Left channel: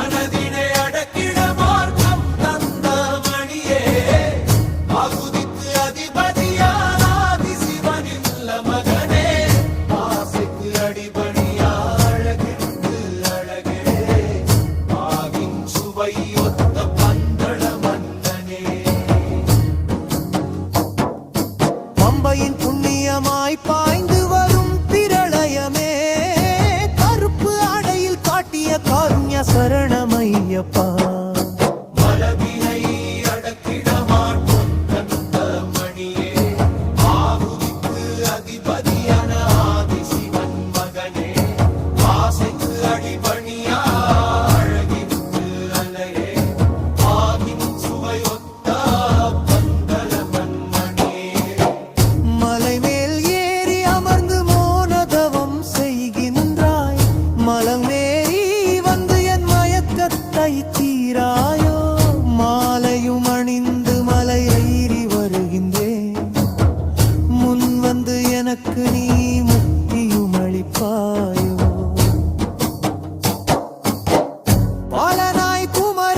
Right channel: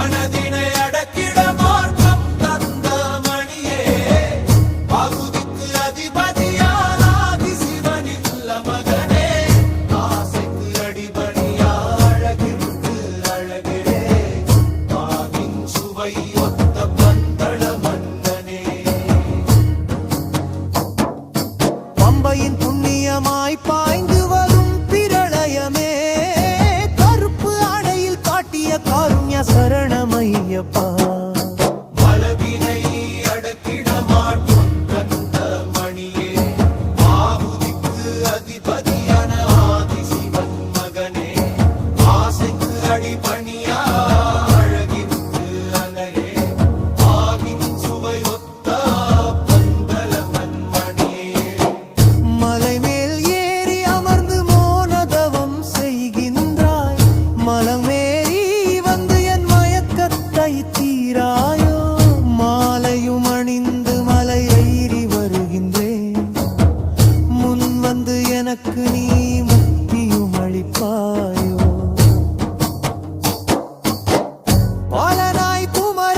மனதினை அடக்கிட மார்க்கம் தந்த மணியே பகுதிக்கு அதிபதியான ஆதிசிவனில்ல மகனே ஆசைக்கு அடிபணியா அழகிற்கு அழகே பாகின் சுவை ஒத்த பந்தள மன்னனே பம்பையின் புண்ணியமாய் பாய்ந்து வரும் பிரளயமே கருப்பு ஆடையில் காட்டிய காருண்ய சரணமையப்பா பலவினை அடக்கிட மாட்டோம் கந்த மணியே ஆகுதிக்கு அதிபதியான ஆதிசிவன் மகனே ஆசைக்கு அடிபணியா அழகிற்கு அழகே ஆகின் சுவை ஒத்த பந்தளவன் மணியே மலை மேல் ஏறி அமர்ந்து மோனதவம் செய்கின்றாய் மலமேறி வந்து என் மயக்கத்தை தீராயோ மாலையும் அணிந்து மலை ஏறி வருகின்றேன் முன் வந்து எனக்கு நீ முக்தியும் அளிப்பாயோ